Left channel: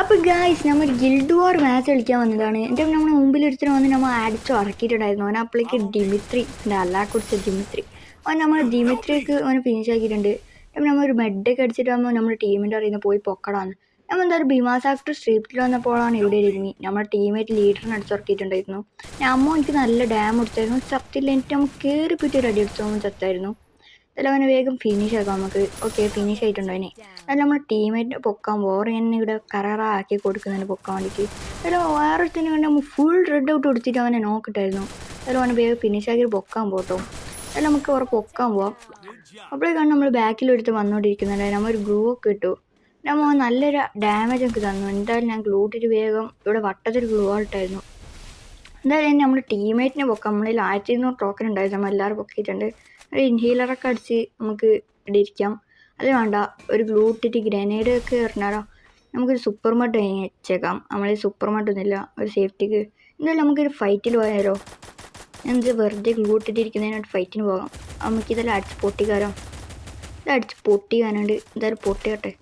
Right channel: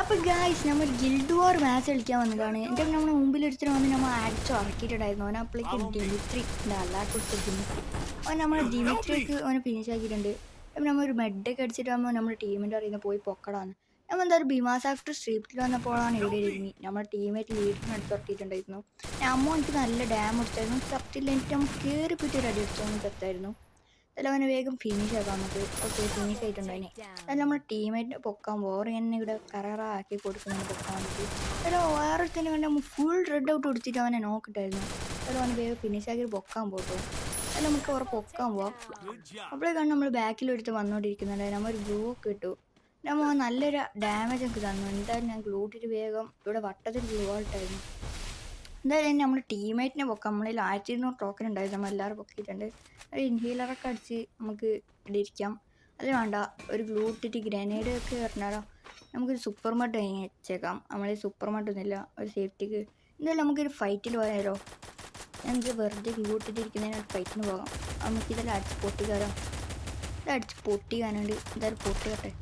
അപ്പോൾ ഗായ്സ് നമ്മൾ ഗിൽഡ് വാർ മാച്ച് കളിക്കാൻ വന്നതാണ്. എൻ്റെ നമ്മുടെ മുമ്പിൽ ഒരുത്തരം വന്ന് നമ്മൾ അടിച്ചു ഇറക്കിയിട്ടുണ്ടായിരുന്നു. അവൻ അപ്പോഴേക്ക് ഡിമിത്രി എൻ്റെ അല്ലാക്കുറിച്ച് ഡിമിത്രി അവൻ നമ്മൾ ഡിമിത്രിക്ക് അവന് ഫിനിഷ് ആക്കിയിട്ടുണ്ട്. അപ്പം നമ്മൾ ഒരു മെഡൊക്കെ അടിച്ചിട്ടാകുമ്പോൾ നമ്മുടെ ടീമിൻ്റെ അറിയുന്ന പോയി പൊക്കടാന്ന് നമ്മൾ എന്തായാലും ഭീമാസ് ആക്ടർ സ്ട്രീറ്റിൽ വന്നപ്പോഴാണ് ഇവിടെ ഇരുന്ന് നമ്മുടെ ടീമേറ്റ് ലീഡറിനെ അടിച്ചിറക്കിയിട്ടുണ്ടായിരുന്നു. അമ്മ എനിക്ക് നല്ല ഡാം അടിച്ചായിരുന്നു. സത്യത്തിൽ എനിക്ക് നമ്മൾ കയറി പറ്റി ഒരു അടി അടിച്ചോന്ന് ചത്തായിരുന്നു. അല്ല അവനെ വേഗം ഫിനിഷ് ആക്കാം നമുക്ക്. ഓക്കെ ഫിനിഷ് ആയിട്ടുണ്ടോ അതിനെ അല്ല നമ്മുടെ ടീമേറ്റ് പൊക്കാൻ വേറെ എന്നെ ഇവിടെ കറാറാക്കി കൊടുക്കുന്നതിന് പൊക്കാൻ വേണ്ടിയിട്ട് അല്ല വേറൊരുത്തിന് വേണ്ടി നമ്മൾ ഫുൾ റെഡ് ഔട്ട് കൊടുത്തിട്ട് അവനെ നോക്കിട്ടായിരുന്നു. അല്ല അവനെ വേഗം ഫിനിഷ് ആക്കി പൊക്കാൻ പോട്ടോ. അല്ല നമുക്ക് അവിടെ പൊക്കാൻ പോവാം. അപ്പോഴേക്കാണ് നമ്മൾ ബാക്കിൽ എടുത്ത് വന്നുകൊണ്ടിരിക്കുന്നുണ്ട്. നമ്മൾ ഒരു ഗ്ലൂ ഒക്കെ ഇട്ടു. നമ്മൾ നല്ലൊരു ഡാമേജ് ഒക്കെ തന്നു. എന്തായാലും ഞാൻ ഗ്ലൂ ഇട്ടിട്ട് വേഗം ഇവിടെ വട്ടത്തിൽ ഗ്ലൂ ആയിട്ടായിരുന്നു. എന്തായാലും നമ്മുടെ ടീമേറ്റിനെ പൊക്കാം. നമ്മളിൽ 1200 ടോക്കൺ ഉണ്ടായിരുന്നു. നമ്മൾ എല്ലാവരും പൊക്കിയിട്ടുണ്ട്. ഒരു ഇൻഹീലറൊക്കെ അടിച്ച് നമുക്ക് ഇവിടെ ഇരിക്കാം. അത് വേണ്ട ഒരു ഗ്ലൂ ഇട്ടിട്ട് ഗ്രനേഡ് ഒക്കെ എറിഞ്ഞാലോ നമുക്കൊരു സൂപ്പർ മഡ് വെച്ചേക്കാം. നമ്മൾ സൂപ്പർ മഡൊന്നുമില്ല ഒരു സേഫ്റ്റിക്ക്. എന്തായാലും നമുക്കൊരു ഫൈറ്റിൽ പോയാലോ. എന്ത് വെറുതെ ഗ്ലൂ ഇട്ടിട്ടിരിക്കുന്നതിനായിട്ട് ഫൈറ്റിന് പോകാം. നമുക്കിതെല്ലാം അടിച്ച് പൊട്ടിക്കാരോ. ഇത് അടിച്ച് പൊട്ടിക്കാനുണ്ട്. എന്തായാലും പൊട്ടിക്കട്ടെ.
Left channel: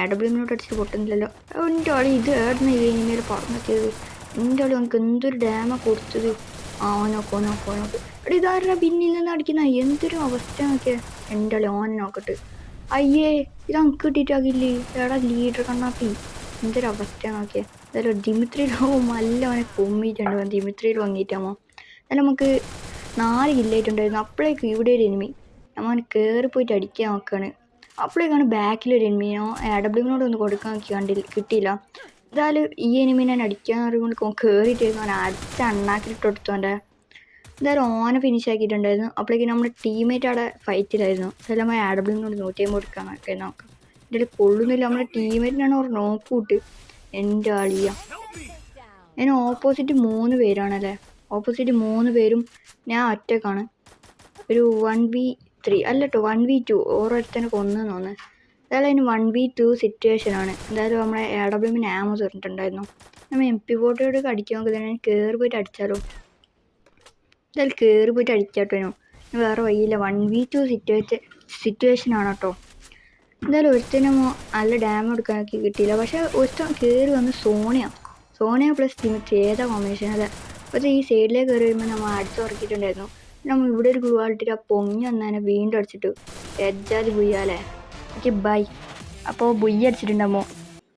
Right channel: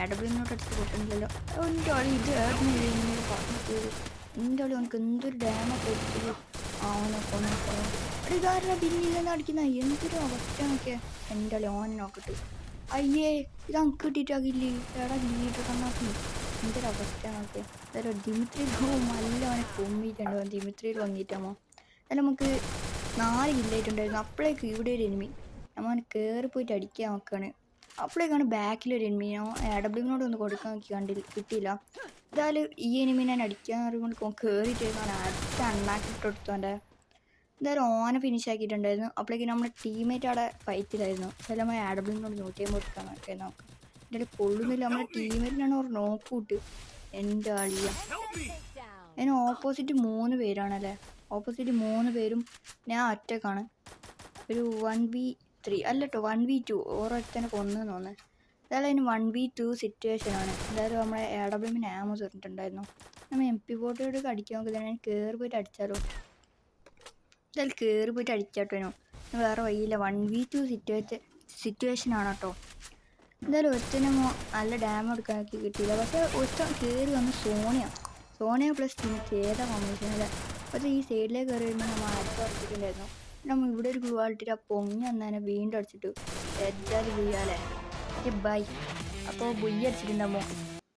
AWനോട്ട് അടിച്ച് പൊട്ടുന്നില്ലല്ലോ. എൻ്റെ ആൾ ഇത് ആയിരുന്നു ഇങ്ങനെ പറഞ്ഞത്. എൻ്റെ ആൾ നമുക്ക് എന്തൊരു ഡാമ കൊടുത്തത്. നോക്കോ ഇവിടെ ഇതാരുടെ പിന്നിൽ നിന്ന് അടിക്കുന്ന എന്തൊരു അവസ്ഥ നോക്കിയാൽ. എൻ്റെ ആൾ ഓനെ നോക്കട്ടെ. അയ്യേ ഇത് നമുക്ക് കിട്ടിയിട്ടാകില്ലേ. എടാ ലീഡർ കണ്ണാക്കി എന്തൊരു അവസ്ഥ നോക്കിയാൽ. എന്തായാലും ദിമിത്രിയിലാവും നല്ല അവനെ പൊമ്മിയിട്ടുണ്ട്. ദിമിത്രിയിൽ വന്നിട്ടാമോ എന്നാലും നമുക്ക് 4 കില്ലായിട്ടുണ്ടായിരുന്നു. അപ്പോഴേക്കും ഇവിടെ ഒരു എനിമി നമ്മൾ കയറി പോയിട്ട് അടിക്കാൻ നോക്കുകയാണ്. അപ്പോഴേക്കാണ് ബാക്കിലൊരു എനിമിനോ AWനോട് ഒന്ന് കൊടുക്കാൻ കിട്ടിയില്ല. എന്തായാലും ഈ എനിമിനെ അടിക്കാൻ അറിയുകൊണ്ട് കയറിയിട്ട് അവൻ അടിച്ച് അണ്ണാക്കിട്ട് കൊടുത്തോണ്ട് എന്തായാലും ഓനെ ഫിനിഷ് ആക്കിയിട്ടുണ്ടായിരുന്നു. അപ്പോഴേക്കും നമ്മുടെ ടീമേറ്റ് അവിടെ ഫൈറ്റിലായിരുന്നു. ചില നമ്മൾ AWനോട് 150 കൊടുക്കാനൊക്കെ നോക്കാം. എൻ്റെ കൊള്ളുന്നില്ല. നമ്മുടെ ടീമേറ്റിനാണ് ഒരു നോക്കൂട്ട്. എൻ്റെ ആളിയ അതിന് ഓപ്പോസിറ്റ് 3 പേരാണല്ലേ. ഓപ്പോസിറ്റ് 3 പേരും ഞാൻ ഒറ്റക്കാണ്. ഒരു 1v3 അല്ല കേട്ടോ 1v2 ഓരോരുത്തനെ കൊന്നു തോന്നുന്നു. എന്തായാലും അതിന് 1v2 സിറ്റുവേഷനാണ്. എന്തായാലും നമ്മളെ AWന് ആമോ തീർന്നിട്ടുണ്ടായിരുന്നു. നമ്മൾ MP40 അടിക്കാൻ നോക്കുന്നത് കയറി പോയിട്ട് അടിച്ചാലോ. എന്തായാലും കയറി പോയിട്ട് അടിക്കാട്ടോ. വേറെ വഴിയില്ല. 1v2 സിറ്റുവേഷനാണ് കേട്ടോ. എന്തായാലും ഒരുത്തനും നല്ല ഡാം എടുക്കാനൊക്കെ കിട്ടിയില്ല. പക്ഷേ ഒരുത്തൻ കയറി വന്ന് സോണിയ പ്ലസ് ഡിമിട്രി ഏതാ കോമ്പിനേഷൻ അല്ലേ. പക്ഷേ ഈ സൈഡിലേക്ക് കയറി വരുമ്പോൾ നമ്മൾ അടിച്ചുറക്കിയിട്ടുണ്ടായിരുന്നു. നമ്മൾ ഇവിടെ ഒരു ഗ്ലൂ ആൾട്ടിട്ട് ആ പൊങ്ങി വന്നതിനെ വീണ്ടും അടിച്ചിട്ടു. എജ്ജാതി ബുയ്യാലേ. Okay bye. അപ്പോൾ ബുയ്യ അടിച്ചിട്ടുണ്ടാകുമ്പോൾ